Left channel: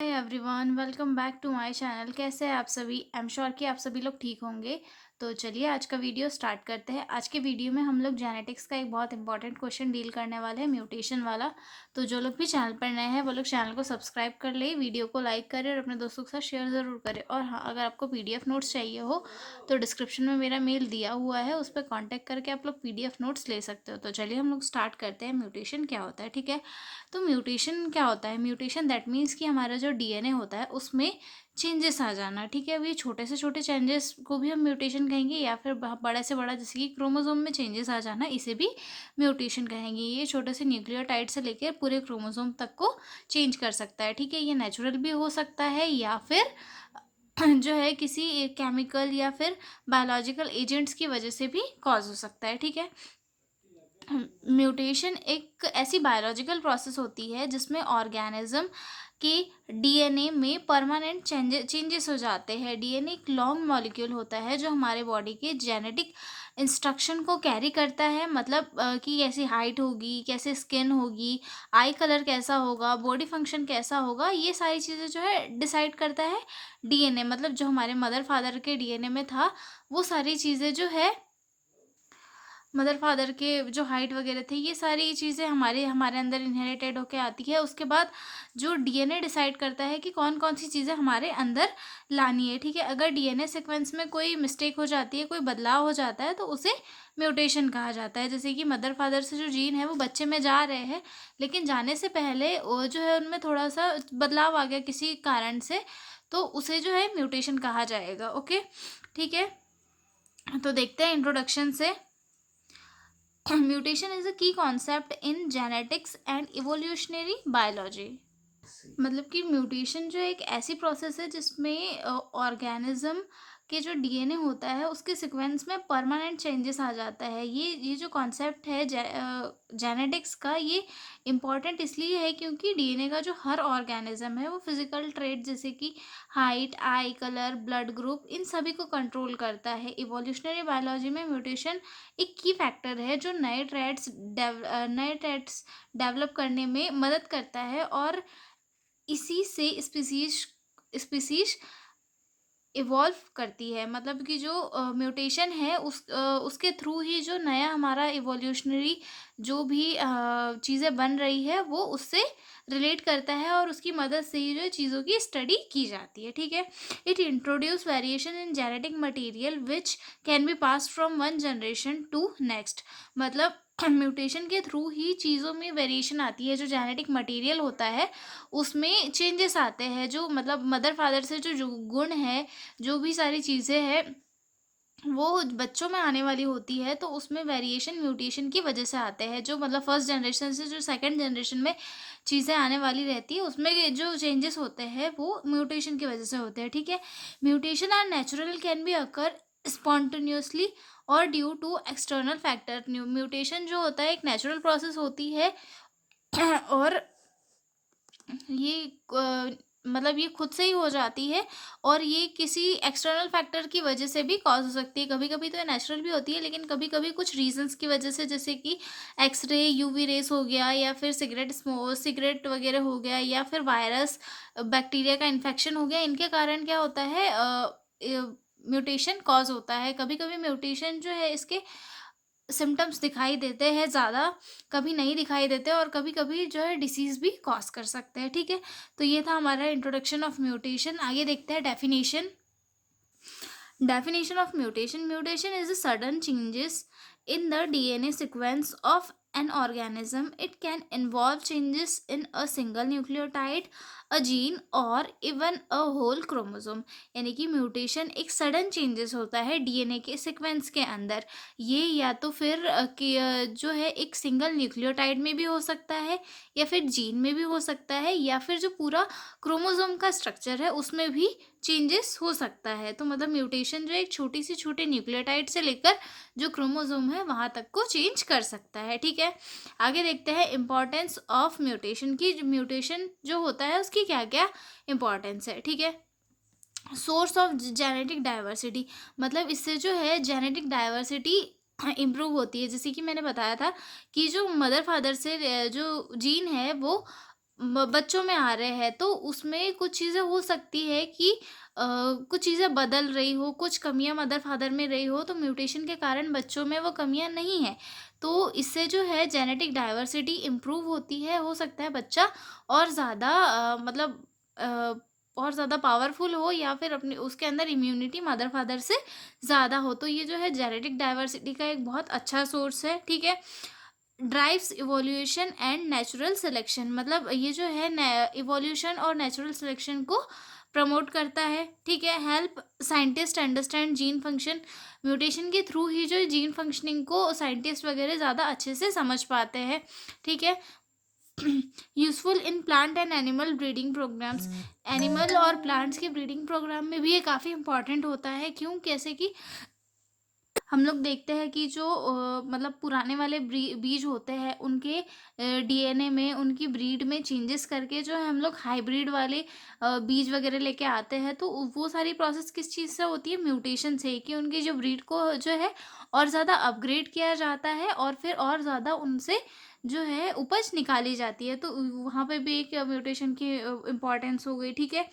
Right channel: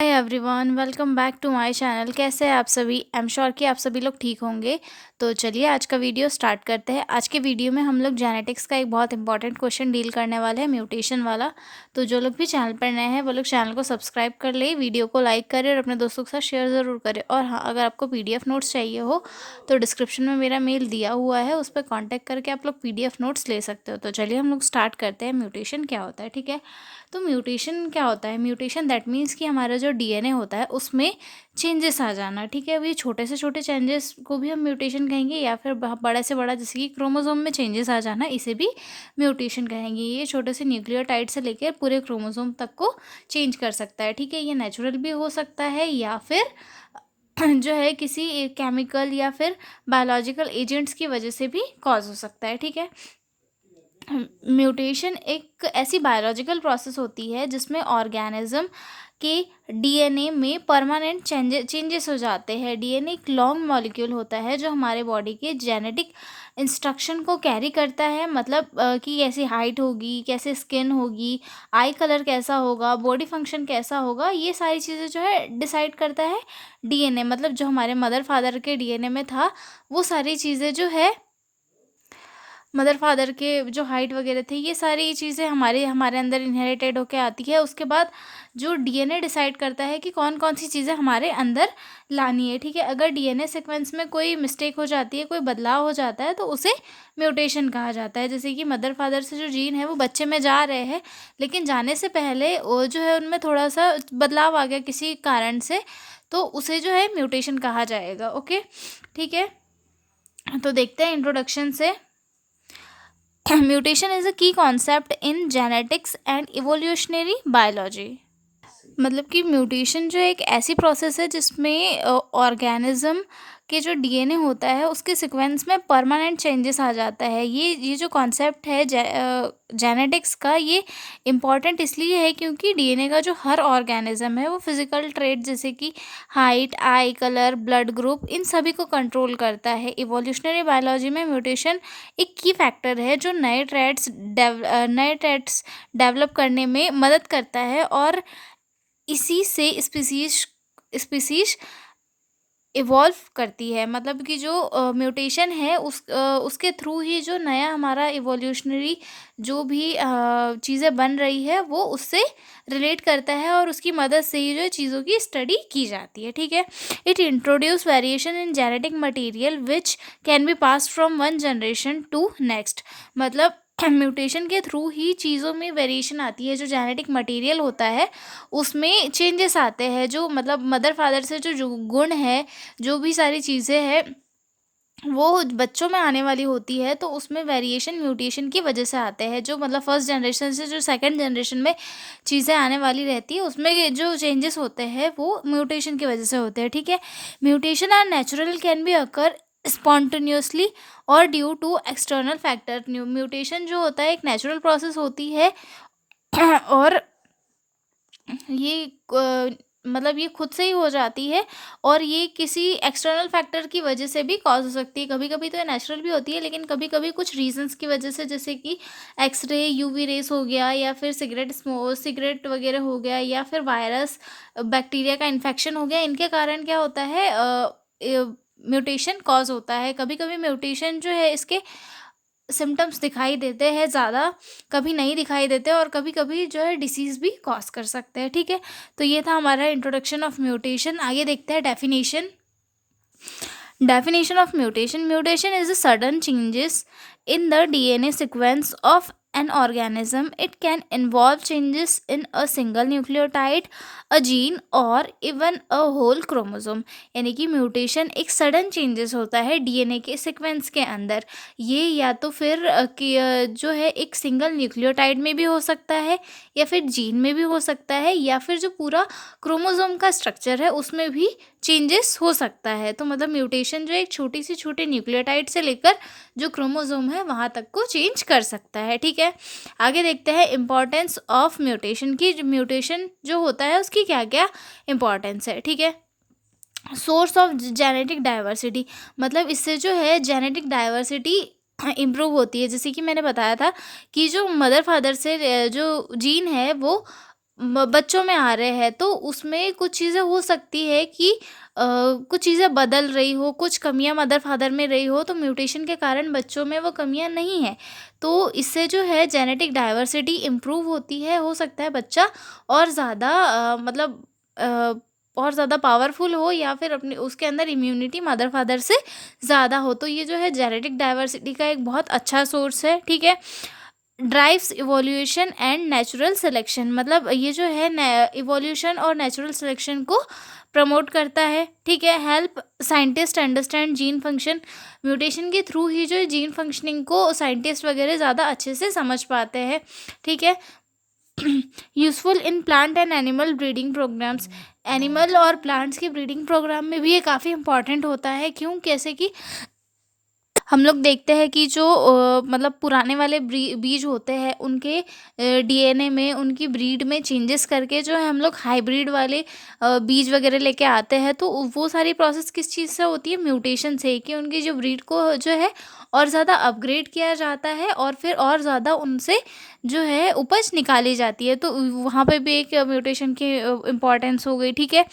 Hi everyone, welcome back to my channel. कैसे हैं आप सभी? आई एम श्योर कि आप सभी लोग ठीक होंगे। तो चलिए आज का वीडियो स्टार्ट करते हैं। आज के वीडियो में हम लोग जेनेटिक्स का एक बहुत इंपॉर्टेंट क्वेश्चन डील करने वाले हैं, म्यूटेशन वाला। तो जो लोग भी चैनल पर नए हैं वो लोग चैनल को सब्सक्राइब कर ले, वीडियो को लाइक करें और अपने दोस्तों के साथ शेयर ज़रूर करें। और हाँ, अगर आपको PDF नोट्स चाहिए हो तो डिस्क्रिप्शन में मेरा मेल दिया हुआ है, उस पर कॉन्टैक्ट करके आप लोग PDF नोट्स ले सकते हो। तो चलिए हम लोग स्टार्ट करते हैं। म्यूटेशन क्या होता है, ठीक है। तो म्यूटेशन क्या होता है? म्यूटेशन दैट मीन्स कि हमारा जो DNA होता है उसमें चेंजेस आ जाना, ठीक है। अभी छोटे से छोटे चेंजेस को भी हम म्यूटेशन कहेंगे, या फिर बड़े से बड़ा जैसे कि क्रोमोसोम में चेंजेस आ जाना, इसे भी म्यूटेशन कहेंगे। ये छोटे से न्यूक्लियोटाइड से लेकर पूरे क्रोमोसोम तक को चेंज कर सकता है, ठीक है। ये नेचुरल भी हो सकता है या फिर जो है किसी केमिकल या फिर बायोलॉजिकल एजेंट्स की वजह से भी कॉज हो सकता है, ठीक है। म्यूटेशन एक ऐसी बायोलॉजिकल प्रोसेस होती है जिसमें ऑर्गेनिज्म के DNA में परमानेंट चेंजेस हो जाते हैं। DNA एक लॉन्ग मॉलिक्यूल होता है जो हमारे बॉडी के जेनेटिक इंस्ट्रक्शन को कैरी करता है। मतलब कि कैसी हाइट होगी, कैसे स्किन होगी, आई कलर कैसा होगा, बॉडी फंक्शन कैसा होगा, ये सारी चीज़ें जो है डिसाइड करता है DNA। मतलब जो हमारे मदर फादर के DNA में था, वो सारी चीज़ें जो है मदर फादर के जो हाइट वगैरह थी, ये सारी चीज़ें हमारे हमारे अंदर इनहेरिटेड होके आती है। उसके बाद जो DNA डिसाइड करता है कि कौन कौन सी चीज़ें हमारे अंदर लानी है, ठीक है। अगर DNA सीक्वेंस में कोई मिस्टेक हो जाती है, कोई बदलाव हो जाता है, तो उसे म्यूटेशन कहा जाता है। जैसे कि मदर फादर से जो जीन है वो बच्चे में जा रहे हैं, लेकिन जाने से पहले वो जो है उनमें थोड़ा सा बदलाव आ गया किसी कारण से, तो उसे जो है म्यूटेशन कहा जाएगा। ओके, ठीक है। तो देखते हैं इंट्रोडक्शन से। म्यूटेशन इज अ की concept in genetics and evolutionary biology. मतलब कि म्यूटेशन जो एक ऐसी प्रोसेस है जिसमें ऑर्गेनिज्म के जो DNA होता है उसके सीक्वेंस में परमानेंट चेंजेस आ जाता है। ये जो कॉन्सेप्ट है जेनेटिक्स का, ये इम्पॉर्टेंट इसलिए है क्योंकि DNA का जो हर ऑर्गेनिज्म है वो फिजिकल ट्रेट जैसे कि height, eye colour, blood group, इन सभी को कंट्रोल करता है। इवोल्यूशनरी बायोलॉजी में म्यूटेशन एक की फैक्टर है जो नए ट्रेट्स डेवलप करने में मदद करता है, और इसी से स्पीसीज इवॉल्व करती है। मतलब कि जो म्यूटेशन है उसके थ्रू ही जो नया हमारा इवोल्यूशनरी जो भी चीज़ें बन रही है वो उससे रिलेट करता है, और उसकी मदद से ही जो चीज़ों की स्टडी की जाती है, ठीक है। It introduce variation in genetic material which can be pass from one generation to next. मतलब म्यूटेशन के थ्रू ही चीज़ों में वेरिएशन आती है। जो जेनेटिक मटेरियल होता है उसमें चेंजेस आते हैं, जो मतलब मदर फादर से जो गुण है, जो भी सारी चीज़ें हैं वो बच्चों में आने वाली होती है, तो उसमें वेरिएशन म्यूटेशन की वजह से आते हैं। जो मतलब फर्स्ट जनरेशन से जो सेकंड जनरेशन में चीज़ें आने वाली रहती है उसमें जो चेंजेस होते हैं वो म्यूटेशन की वजह से होते हैं, ठीक है। Mutation are natural, can be occur spontaneously और due to external factor. Mutation जो होता है एक नेचुरल प्रोसेस होती है और ये मतलब ये खुद से ही हो जाती है, और ये किसी एक्सटर्नल फैक्टर की वजह से भी कॉज हो सकती है। कभी कभी तो ये नेचुरल भी होती है, लेकिन कभी कभी कुछ रीजंस की वजह से, जैसे कि एक्सरे, UV रेस हो गया, या फिर सिगरेट वगैरह हो गया, या फिर वायरस बैक्टीरिया का इन्फेक्शन हो गया, इनके कारण क्या होता है, म्यूटेशन कॉज होता है। कभी कभी म्यूटेशन जो है इसके सिम्टम्स दिखाई देते हैं ज़्यादा, कभी नहीं दिखाई देते, और कभी कभी जो है डिसीज़ भी कॉज कर सकते हैं, ठीक है। तो ये था हमारा इंट्रोडक्शन ऑफ म्यूटेशन। आगे देखते हैं definition. Definition of mutation. Mutation is a sudden changes in the DNA sequence of an organism. It can involve changes in a single nucleotide, a gene, or even a whole chromosome. यानी कि mutation एक sudden changes होता है DNA के sequence के अंदर। ये या तो फिर जो है एक सिंगल न्यूक्लियोटाइड में भी हो सकता है, या फिर जीन में भी हो सकता है, या फिर जो पूरा क्रोमोसोम का स्ट्रक्चर है उसमें भी चेंजेस हो सकता है। तो मतलब म्यूटेशन जो एक छोटी सी छोटे न्यूक्लियोटाइड से लेकर जो क्रोमोसोम है वहाँ तक को चेंज कर सकता है, ठीक है। आगे देखते हैं इम्पॉर्टेंस ऑफ म्यूटेशन की। म्यूटेशन जो होता है उसकी क्या क्या इम्पॉर्टेंस है, ठीक है। सोर्स ऑफ जेनेटिक डाइवर्सिटी, मतलब इससे जो है जेनेटिक डाइवर्सिटी इम्प्रूव होती है। जैसे कि मैंने बताया था कि जो मदर फादर से जो जीन है वो बच्चों में आ रहे हैं, तो उसमें कुछ चीज़ें हो सकती है कि कुछ चीज़ें बदल रही हो, कुछ कमियां मदर फादर में रही हो, तो म्यूटेशन के कारण बच्चों में वो कमियां नहीं है। तो इससे जो है जेनेटिक डाइवर्सिटी इम्प्रूव होती है, हो सकता है बच्चा और ज़्यादा मतलब अ, और ज़्यादा पावरफुल हो, या फिर अपने उसके अंदर इम्यूनिटी मदर फादर से ज़्यादा हो। तो ये जो है जेनेटिक डाइवर्सिटी का एक बहुत अच्छा सोर्स है, ठीक है। Drives evolution and natural selection, मतलब ये जो है इवोल्यूशन और नेचुरल सिलेक्शन को प्रमोट करता है, ठीक है। Help scientist understand gene function, mutation के थ्रू ही जो है जीन फंक्शनिंग को साइंटिस्ट वगैरह ज़्यादा अच्छे से समझ पाते हैं, ठीक है। Useful in plant and animal breeding programs, animal और प्लांट्स के ब्रीडिंग प्रोग्राम में भी ये काफ़ी इंपॉर्टेंट होता है। क्यों? कैसे कि हम लोग देखते हैं कि जो मतलब पुराने वाले बीज होते हैं, उनके डीएनए में, उनकी ब्रीड में चेंजेस करके जो है हम लोग हाइब्रिड वाले बीज वगैरह लेके आते हैं। तो वो सारी प्रोसेस किस चीज़ से होती है? म्यूटेशन से, कि उनकी जो ब्रीड को जो है और ज़्यादा अपग्रेड किया जाता है, और फिर और ज़्यादा उनसे जो है उपज निकाली जाती है। तो वहाँ पे भी एक म्यूटेशन की इम्पोर्टेंस हो गई, ठीक है।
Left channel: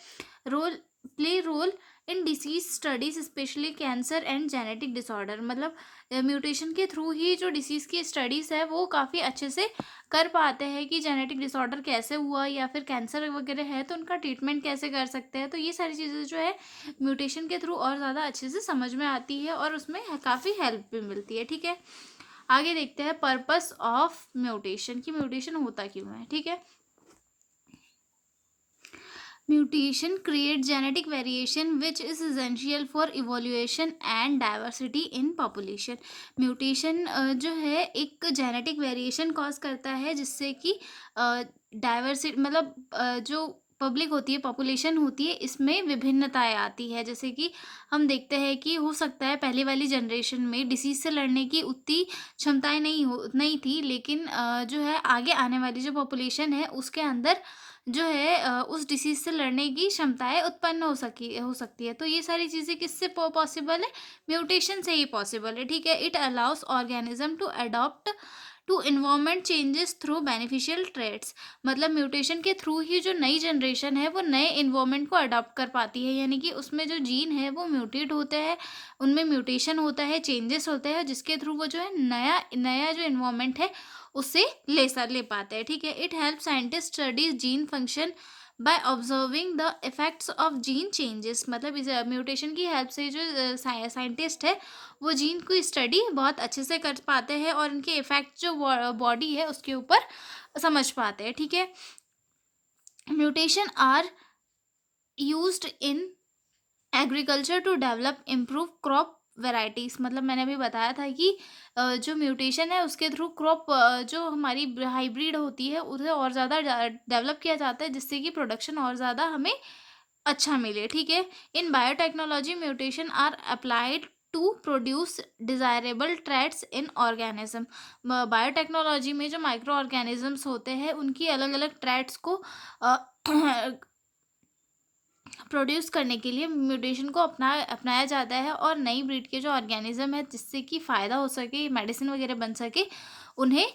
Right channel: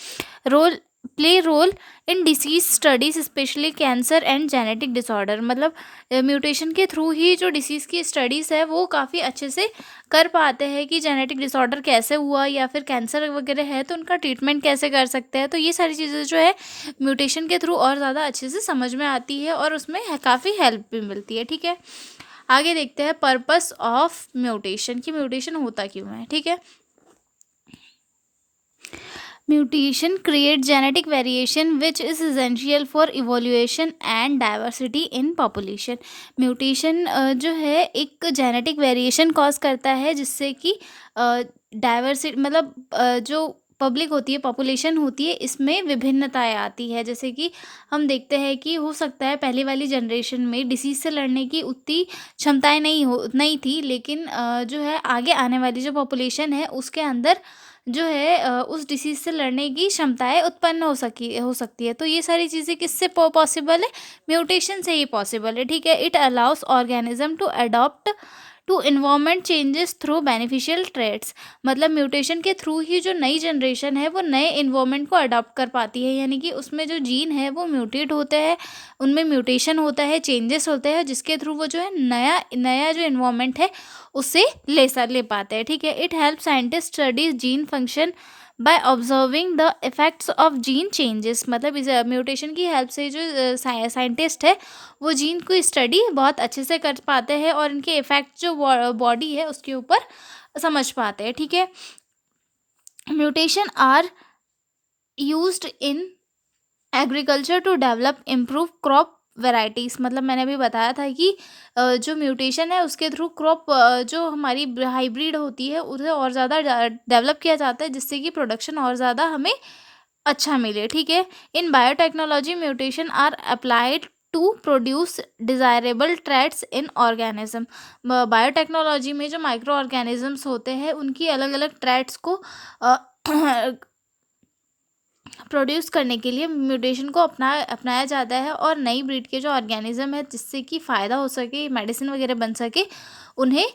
Role play role in disease studies, specially cancer and genetic disorder, मतलब म्यूटेशन के थ्रू ही जो डिसीज़ की स्टडीज़ है वो काफ़ी अच्छे से कर पाते हैं कि जेनेटिक डिसऑर्डर कैसे हुआ, या फिर कैंसर वगैरह है तो उनका ट्रीटमेंट कैसे कर सकते हैं। तो ये सारी चीज़ें जो है म्यूटेशन के थ्रू और ज़्यादा अच्छे से समझ में आती है, और उसमें काफ़ी हेल्प भी मिलती है, ठीक है। आगे देखते हैं पर्पस ऑफ म्यूटेशन, कि म्यूटेशन होता क्यों है, ठीक है। Mutation create genetic variation which is essential for evolution and diversity in population. Mutation जो है एक genetic variation cause करता है, जिससे कि डाइवर्सिटी मतलब जो पब्लिक होती है, पॉपुलेशन होती है, इसमें विभिन्नताएं आती है। जैसे कि हम देखते हैं कि हो सकता है पहली वाली जनरेशन में डिसीज से लड़ने की उतनी क्षमताएं नहीं थी, लेकिन जो है आगे आने वाली जो पॉपुलेशन है उसके अंदर जो है उस डिसीज़ से लड़ने की क्षमताएँ उत्पन्न हो सकती है। तो ये सारी चीज़ें किससे पॉसिबल है? म्यूटेशन से ही पॉसिबल है, ठीक है। It allows organism to adopt to environment changes through beneficial traits, मतलब म्यूटेशन के थ्रू ही जो नई जनरेशन है वो नए एनवायरनमेंट को अडॉप्ट कर पाती है, यानी कि उसमें जो जीन है वो म्यूटेट होते हैं, उनमें म्यूटेशन होता है, चेंजेस होते हैं, जिसके थ्रू वो जो है नया नया जो एनवायरनमेंट है उससे ले पाते हैं, ठीक है। It help scientist study gene function by observing the effects of gene changes, मतलब इस म्यूटेशन की हेल्प से जो साइंटिस्ट है वो जीन को स्टडी बहुत अच्छे से कर पाते हैं, और इनके इफेक्ट जो बॉडी है उसके ऊपर समझ पाते हैं, ठीक है। Mutation are used in agriculture to develop improve crop varieties, मतलब मैंने अभी बताया था कि जो म्यूटेशन है उसके थ्रू क्रॉप जो हमारी हाइब्रिड होती है उसे और ज़्यादा डेवलप किया जाता है, जिससे कि प्रोडक्शन और ज़्यादा हमें अच्छा मिले, ठीक है। In biotechnology mutation are applied to produce desirable traits in organism, biotechnology में जो माइक्रो ऑर्गेनिजम्स होते हैं उनकी अलग अलग ट्रेट्स को प्रोड्यूस करने के लिए म्यूटेशन को अपनाया जाता है, और नई ब्रीड के जो ऑर्गेनिज्म है जिससे कि फ़ायदा हो सके, मेडिसिन वगैरह बन सके, उन्हें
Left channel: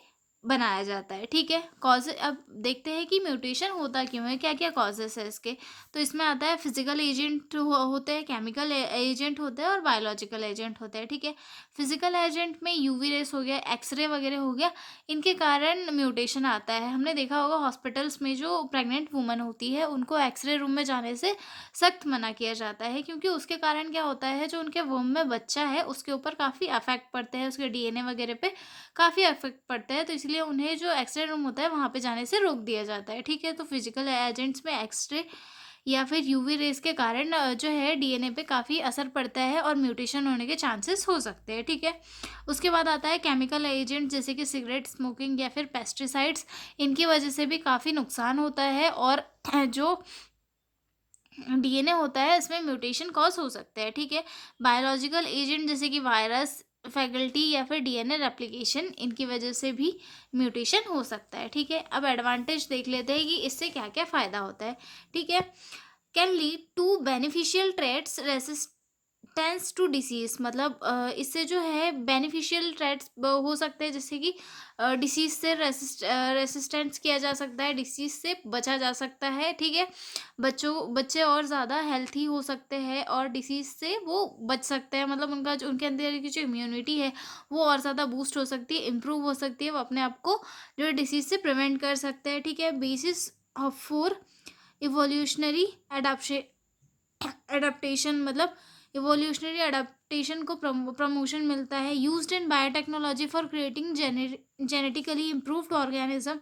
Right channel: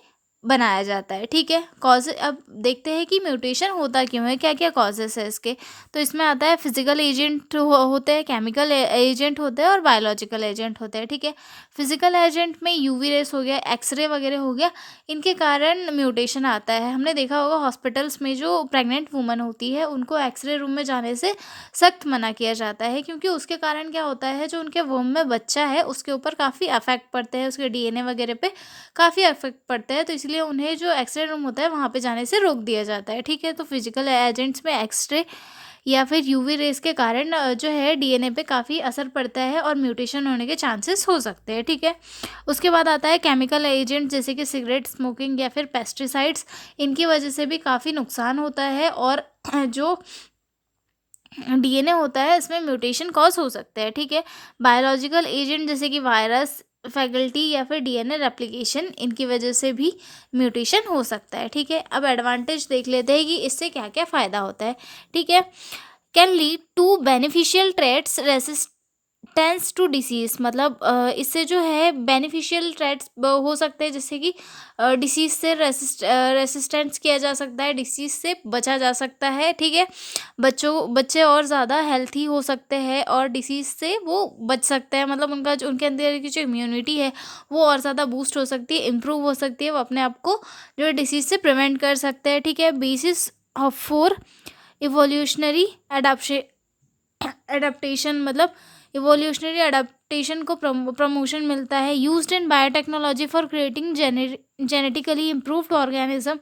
बनाया जाता है, ठीक है। कॉज अब देखते हैं कि म्यूटेशन होता क्यों है, क्या क्या कॉजेस है इसके। तो इसमें आता है फिजिकल एजेंट होते हैं, केमिकल एजेंट होते हैं, और बायोलॉजिकल एजेंट होते हैं, ठीक है। फिजिकल एजेंट में यूवी रेस हो गया, एक्सरे वगैरह हो गया, इनके कारण म्यूटेशन आता है। हमने देखा होगा हॉस्पिटल्स में जो प्रेग्नेंट वुमन होती है उनको एक्सरे रूम में जाने से सख्त मना किया जाता है, क्योंकि उसके कारण क्या होता है, जो उनके वोम में बच्चा है उसके ऊपर काफ़ी अफेक्ट पड़ते हैं, उसके डीएनए वगैरह पे काफ़ी इफेक्ट पड़ता है। तो इसलिए उन्हें जो एक्सरे रूम होता है वहाँ पे जाने से रोक दिया जाता है, ठीक है। तो फिजिकल एजेंट्स में एक्सरे या फिर यूवी रेस के कारण जो है डीएनए पे काफ़ी असर पड़ता है, और म्यूटेशन होने के चांसेस हो सकते हैं, ठीक है। उसके बाद आता है केमिकल एजेंट, जैसे कि सिगरेट स्मोकिंग या फिर पेस्टिसाइड्स, इनकी वजह से भी काफ़ी नुकसान होता है, और जो डीएनए होता है इसमें म्यूटेशन कॉज हो सकता है, ठीक है। बायोलॉजिकल एजेंट जैसे कि वायरस, फैकल्टी या फिर डीएनए रेप्लिकेशन, इनकी वजह से भी म्यूटेशन हो सकता है, ठीक है। अब एडवांटेज देख लेते हैं कि इससे क्या क्या फ़ायदा होता है, ठीक है। Can lead to beneficial traits tense to disease, मतलब इससे जो है बेनिफिशियल ट्रेड्स हो सकते हैं, जैसे कि डिसीज़ से रेसिस्टेंस किया जा सकता है, डिसीज़ से बचा जा सकता है, ठीक है। बच्चे और ज़्यादा हेल्थी हो सकते हैं और डिसीज़ से वो बच सकते हैं, मतलब उनका जो उनके अंदर की जो इम्यूनिटी है वो और ज़्यादा बूस्ट हो सकती है, इम्प्रूव हो सकती है, वो अपने आप को जो है डिसीज़ से प्रिवेंट कर सकते हैं, ठीक है। Basis of for evolutionary adaptation, मतलब इवोल्यूशनरी एडाप्टेशन को प्रमोशन मिलता है। Used in biotechnology for creating genetically improved organism.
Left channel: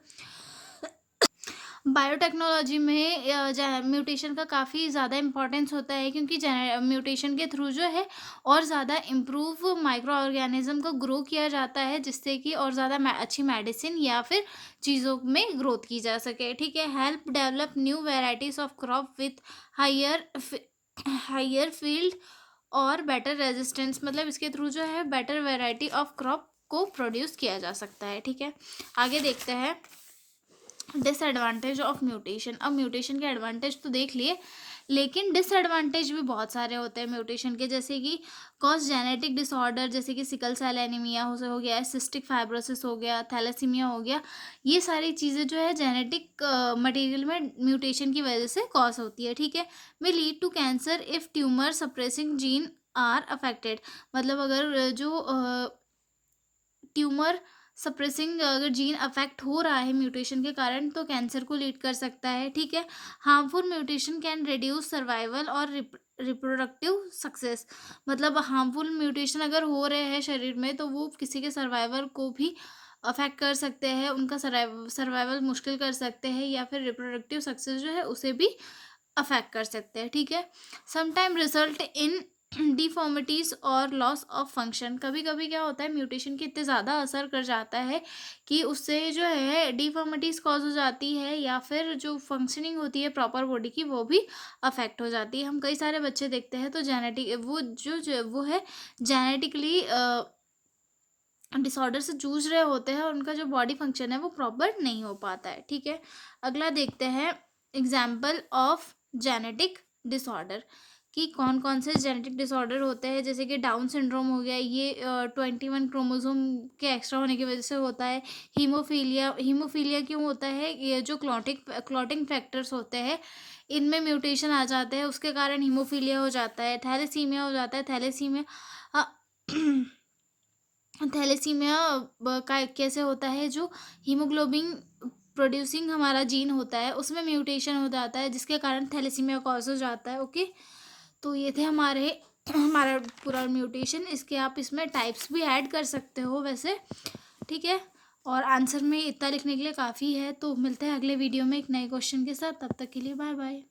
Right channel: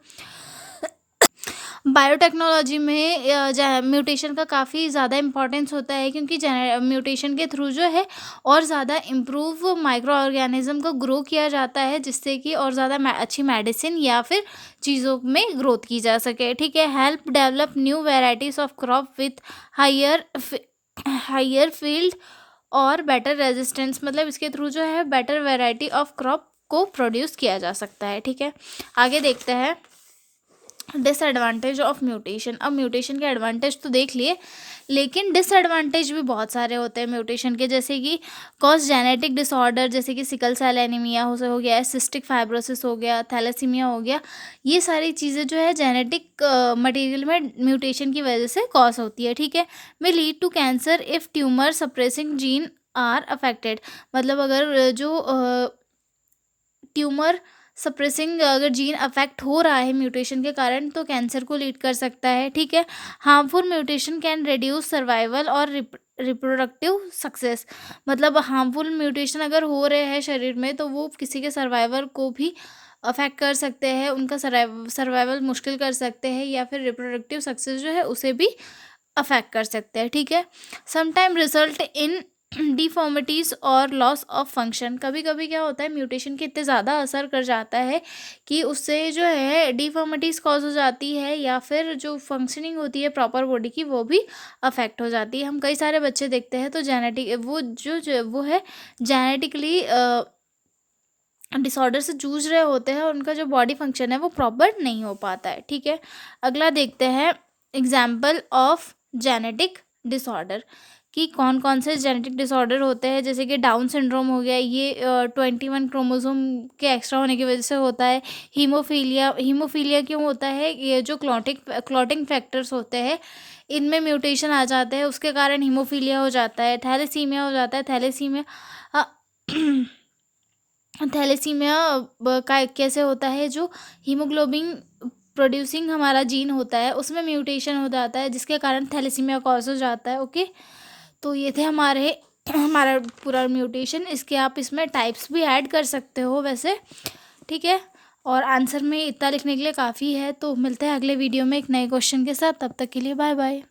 Biotechnology में म्यूटेशन का काफ़ी ज़्यादा इम्पोर्टेंस होता है, क्योंकि म्यूटेशन के थ्रू जो है और ज़्यादा इम्प्रूव माइक्रो ऑर्गेनिज्म को ग्रो किया जाता है, जिससे कि और ज़्यादा अच्छी मेडिसिन या फिर चीज़ों में ग्रोथ की जा सके, ठीक है। Help develop new varieties of crop with higher higher field और बेटर रेजिस्टेंस, मतलब इसके थ्रू जो है बेटर वैरायटी ऑफ क्रॉप को प्रोड्यूस किया जा सकता है, ठीक है। आगे देखते हैं डिसएडवांटेज ऑफ म्यूटेशन। अब म्यूटेशन के एडवांटेज तो देख लिए, लेकिन डिसएडवांटेज भी बहुत सारे होते हैं म्यूटेशन के, जैसे कि कॉज जेनेटिक डिसऑर्डर, जैसे कि सिकल सेल एनीमिया हो गया, सिस्टिक फाइब्रोसिस हो गया, थैलेसीमिया हो गया। ये सारी चीज़ें जो है जेनेटिक मटेरियल में म्यूटेशन की वजह से कॉज होती है, ठीक है। May lead to cancer if tumour suppressing gene are affected, मतलब अगर जो ट्यूमर सप्रेसिंग अगर जीन अफेक्ट हो रहा है म्यूटेशन के कारण, तो कैंसर को लीड कर सकता है, ठीक है। Harmful mutation can reduce survival और रिप्रोडक्टिव सक्सेस, मतलब हार्मफुल म्यूटेशन अगर हो रहे हैं शरीर में तो वो किसी के सर्वाइवल को भी अफेक्ट कर सकते हैं, उनका सर्वाइवल मुश्किल कर सकते हैं, या फिर रिप्रोडक्टिव सक्सेस जो है उसे भी अफेक्ट कर सकते हैं, ठीक है। समटाइम रिजल्ट इन डिफॉर्मिटीज़ और लॉस ऑफ फंक्शन, कभी कभी क्या होता है म्यूटेशन के इतने ज़्यादा असर कर जाता है कि उससे जो है डिफॉर्मिटीज़ कॉज हो जाती है, या फिर जो फंक्शनिंग होती है प्रॉपर बॉडी की वो भी अफेक्ट हो जाती है। हम कई सारे बच्चे देखते हैं तो वो है जेनेटिकली डिसऑर्डर से जूझ रहे होते हैं और उनका जो बॉडी फंक्शन है वो प्रॉपर नहीं हो पाता है, ठीक है। अगला देखते हैं एग्जाम्पल ऑफ जेनेटिक डिसऑर्डर, कि कौन कौन से जेनेटिक डिसऑर्डर होते हैं, जैसे कि डाउन सिंड्रोम हो गया, ये 21 क्रोमोसोम के एक्स्ट्रा होने की वजह से होता है। हीमोफीलिया क्यों होता है, ये जो क्लॉटिंग फैक्टर्स होते हैं इनमें म्यूटेशन आ जाते हैं, उसके कारण हीमोफीलिया हो जाता है। थैलेसीमिया हो जाता है, थैलेसीमिया थैलेसीमिया का कैसे होता है, जो हीमोग्लोबिन प्रोड्यूसिंग हमारा जीन होता है उसमें म्यूटेशन हो जाता है, जिसके कारण थैलेसीमिया कॉज हो जाता है, ओके। तो ये थे हमारे हमारा पूरा म्यूटेशन। इसके आप इसमें टाइप्स भी ऐड कर सकते हो वैसे, ठीक है। और आंसर में इतना लिखने के लिए काफ़ी है। तो मिलते हैं अगले वीडियो में एक नए क्वेश्चन के साथ, तब तक के लिए बाय बाय।